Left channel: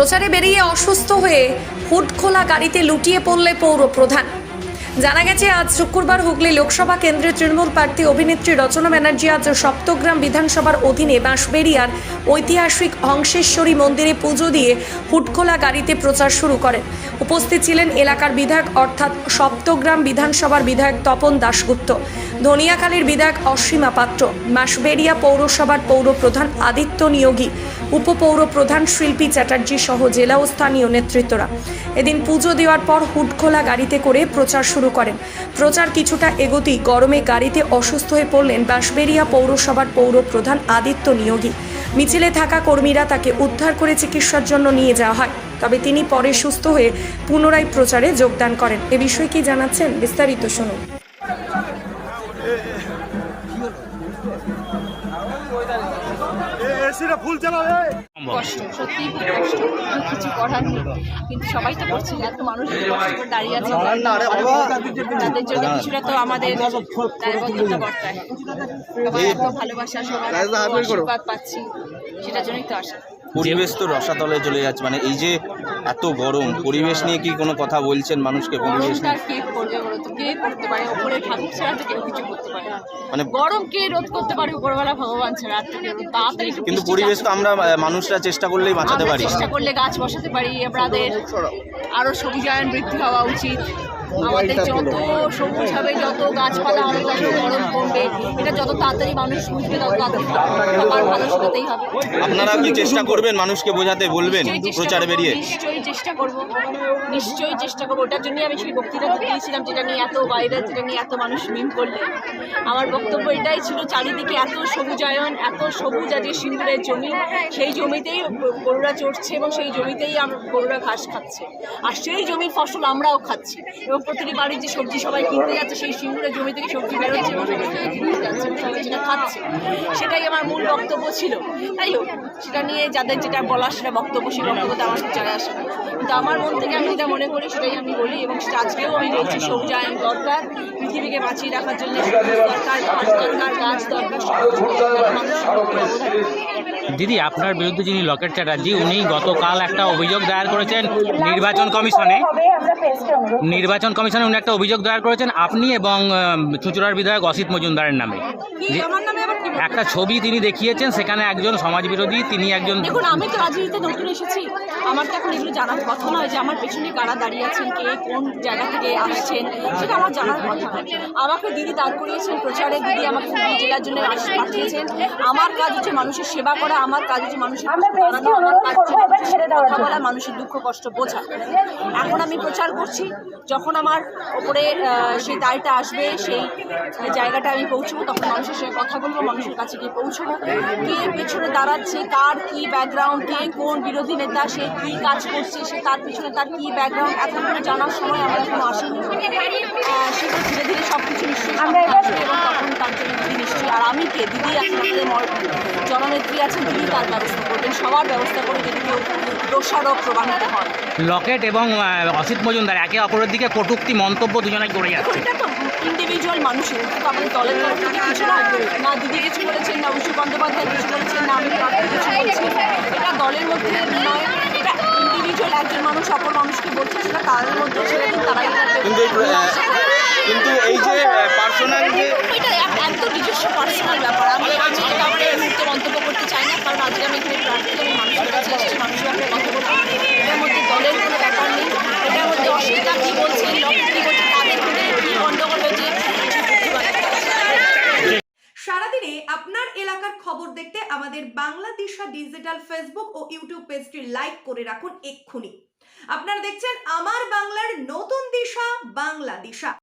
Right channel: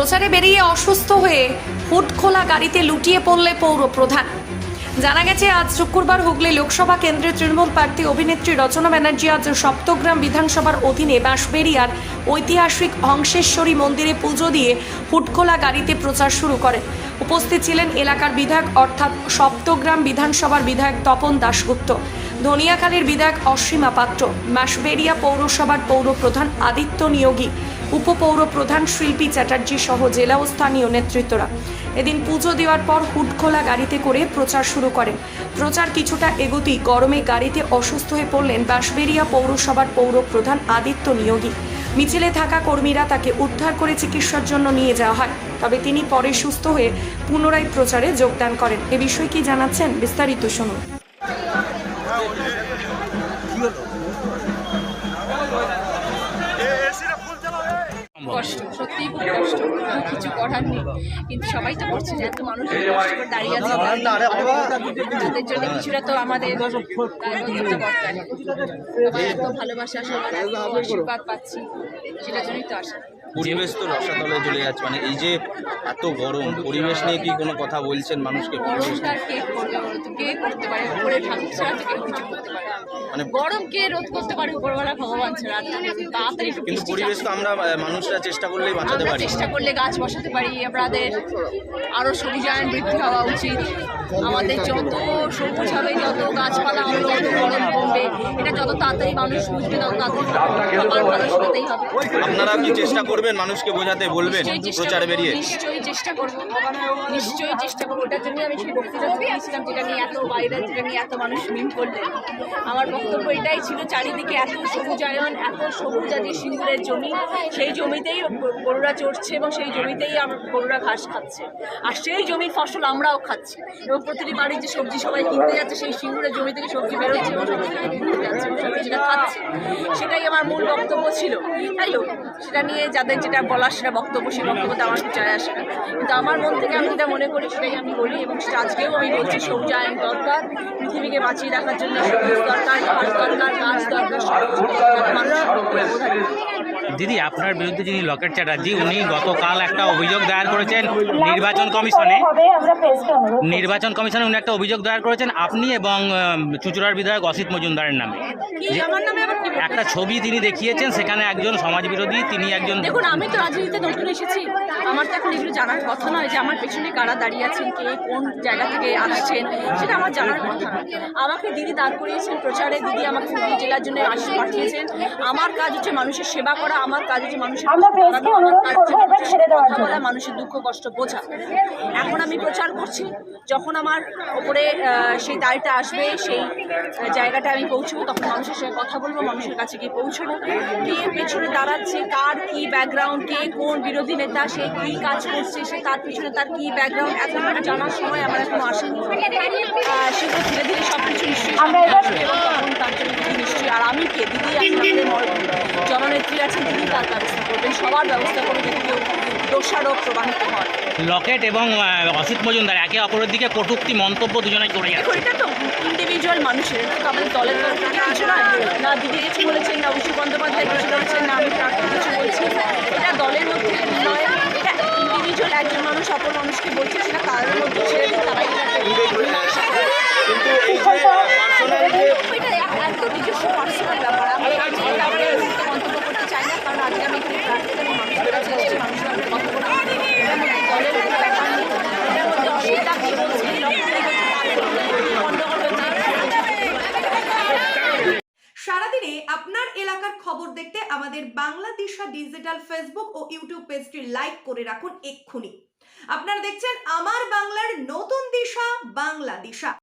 প্রচারে বেরিয়ে অসুস্থ হয়ে হুড খোলা গাড়িতে লুটিয়ে পড়লে পৌর প্রধান। জানা গেছে, আজ শুক্রবার হুগলি লোকসভা কেন্দ্রের তৃণমূল প্রার্থী অভিনেত্রী রচনা ব্যানার্জি আজ সপ্তগ্রাম বিধানসভার অধীনে বাঁশবেড়িয়ার ঐতিহাসিক হংসেশ্বরী মন্দিরে পুজো দিয়ে হুডখোলা গাড়িতে প্রচার শুরু করেন। উপস্থিত ছিলেন এলাকার বিধায়ক অর্থাৎ সপ্তগ্রাম বিধানসভার বিধায়ক তপন দাশগুপ্ত, ধনিয়াখালীর বিধায়ক অসীমা পাত্র, বাঁশবেড়িয়া পৌরসভার পৌর প্রধান আদিত্য নিয়োগী, উপপৌর প্রধান শিল্পী চ্যাটার্জি সহ জেলা ও স্থানীয় নেতৃত্বরা। এদিন পুজো দেওয়ার পর হুডখোলা গাড়িতে করে প্রচার শুরু করেন। প্রচার কিছুটা এগোতেই গরমে গাড়িতে অসুস্থ হয়ে পড়লেন বাঁশবেড়িয়া পৌরসভার পৌর প্রধান আদিত্য নিয়োগী। মিছিলে থাকা কর্মীরা তাকে উদ্ধার করে চিকিৎসার জন্য নিয়ে যাওয়া হয়, তবে তিনি পরে সুস্থ হয়ে পুনরায় প্রচারে যোগদান করেন। এ বিষয়ে কি জানাচ্ছেন বিস্তারিত শুনুন। কষ্ট, সত্যিই খুব কষ্ট, কিছু করার নেই, কিন্তু সবাই তো করছে। এত মানুষ কষ্ট করে দাঁড়িয়ে আছে, তাদের জন্য কিছুটা তো আমাদের দায়বদ্ধতা বর্তায়। সবাই এত ভালোবাসা, সবার এত আশীর্বাদ পাচ্ছি, সেটার জন্যই তো আসা। পরিবেশ তো রসাতলে চলে যাচ্ছে, মানে এই যে এত গরম, পরিবেশ নিয়ে কি কোনো কথা বলছেন মানুষকে? গরমটা কে করবে বলো তো? কে করতে পারে? ওপরে ঠাকুর ছাড়া তো কেউ কিছু করতে পারে? মানে গরম কে রোধ করতে পারে? উপরওয়ালা ভগবান ছাড়া আর তো কেউ। তাড়াতাড়ি একটু কিন্তু পরিবেশ তো আমরা মানুষরা চেষ্টা করলেই বাঁচাতে পারি। চেষ্টা করলে গাছ বসাতে পারি। আমাদের আরো সবুজায়ন বৃদ্ধি হওয়া উচিত। আমাদের যত সবুজ হবে, যত গাছপালা হবে, তত গরম কমবে। এটা যত তাড়াতাড়ি মানুষ বুঝবে, তত তাড়াতাড়ি সবার ভালো সেটাতেই হবে। আপনারা কি চেষ্টা করবেন মানুষকে বোঝাতে, বলবেন প্রচারে বেরিয়ে? নিশ্চয়ই চেষ্টা করবো, নিশ্চয়ই চেষ্টা করবো। ওটার জন্যই আমি সেই বক্তৃতা দিয়েছিলাম, যেটা নিয়ে এত ভাইরাল, যেটা নিয়ে এত মানুষ মিম করলেন। আমার বক্তব্য এটাই ছিল, চারিদিকে এত সবুজায়ন, এত সবুজ আজকে সিঙ্গুরের জমি, সেই জমিতেই গরুরা চড়ছে এবং সেই জমিতেই গরুরা ঘাস খাচ্ছে, আর সেই জমির ফসল আমরাও খাচ্ছি। এবং প্রতিটি বাড়ির যে সবজি সবাই কিনতে যাচ্ছে, সেই সিঙ্গুরের জমি থেকে সবজি বেরোচ্ছে এবং সবজি থেকে কিনতে যাচ্ছে, সবাই যেটা খাচ্ছে। সেটাই আমার মূল বক্তব্য ছিল। তাই হোক, সেটা নিয়ে যাদের যেটা বলার সেটা বক্তব্য, সেই বক্তব্যতে আমার চায় আসে না, কিন্তু আমার মন থেকে আমি যেটা মনে করি সেটাই আমি বলি, এবং সেটা আজকেও আমি বলছি। সবুজায়ন দরকার, পৃথিবীকে বাঁচিয়ে রাখার জন্য সবুজ দরকার, ঘাস দরকার, গাছ দরকার, মানুষ অবদান। দিদি, আপনার বিরুদ্ধে যিনি লকেট চ্যাটার্জি, উনি গতকাল একটা অভিযোগ দায়ের করেছেন নির্বাচন কমিশনে উনি একটা অভিযোগ দায়ের করেছেন আপনি এবং চুঁচুড়ার বিধায়ক অসিত মজুমদারের নামে। একটা ছবি তিনি দেখিয়েছেন, সেখানে একজন সমাজবিরোধী, তিনি একজন। দেখুন, আমি তো রাজনীতিতে নতুন এসেছি, আমার তো এখন এগুলো জানার কথা নয় যে আমার পেছনে কারা দাঁড়িয়ে আছেন, কে কোন জায়গা থেকে আসছেন, সেটা আমার জানার কথা নয়। আমাকে দিদি দাঁড় করিয়েছেন প্রচারে, দিদি আমাকে হুগলি জেলার জন্য পাঠিয়েছেন। আমার কাজ হচ্ছে মানুষের সেবা করা, আমার কাজ হচ্ছে মানুষের দাঁড়ানো, আমার কাজ হচ্ছে কথা বলা, মানুষের দুঃখ কষ্ট বোঝা। এখন আমি প্রচার করছি, যখন আমার ওপরে সেই দায়টা আসবে, সেই জায়গাটা আমি পৌঁছবো, তখন মানুষের সঙ্গে কথা বলবো, মানুষের কাছে গিয়ে পৌঁছবো। কে পেছনে দাঁড়াচ্ছে, কার কি ব্যাকগ্রাউন্ড, কে কোন বিরোধী নেতা, সে কী কাজ করছে, সে তার পেছনে তার কী ব্যাকগ্রাউন্ড, এতগুলো জানার সময় আমার এখনো আসেনি। সেটা ধীরে ধীরে সব কিছু নিশ্চয়ই আসবে, এবং তখন তার জন্য দিদি নিশ্চয়ই, আর আমি কে, দিদি আছেন, আমাদের জননেত্রী আছেন, দিদি তার ব্যবস্থা করবেন, সবার ব্যবস্থা করে যদি কেউ দোষারোপ প্রমাণিত হয়। লকেট এবং অসিত মজুমদার একে অপরের দিকে কটূক্তি মন্তব্য দুজনেই করে যাচ্ছে। এটা তো ইন্ডিভিজুয়াল মানুষের, তো আমাদের দলের তরফ থেকে কিছু নয়। না দিদি কিছু বলেছেন, না অভিষেক বন্দ্যোপাধ্যায় কিছু বলেছেন, না আমি কিছু বলছি। এটা দলের মধ্যে নয়, এটা ইন্ডিভিজুয়াল একজন মানুষ অপর মানুষকে বলছে, সেটা তাদের মধ্যে ছেড়ে দিন, তারাই এটা একদম নিজস্ব পার্সোনাল ব্যাপার। আমি এটা আমরা এই মুহূর্তে মন্তব্য করতে চাই না, কারণ আজকে আমি এখানে প্রার্থী, আমি মানুষের কাছে এসেছি, মানুষের ব্যাপারে কথা বলবো। এটার মধ্যে দলের কোনো ব্যাপার নেই, এটার মধ্যে অসুবিধা কী বলছে, লক্ষ্য কী করছে, তাদের মধ্যে কী গণ্ডগোল হয়েছে। সারাদিনে আপনার এলাকার খবর দেখতে আমাদের বাংলা দিশা ডিজিটাল ফেসবুক ও ইউটিউব পেজটি লাইক করে রাখুন এক্ষুনি। আপনারা দেখছেন আমার বাংলার নতুন দিশা, বাংলা দিশা।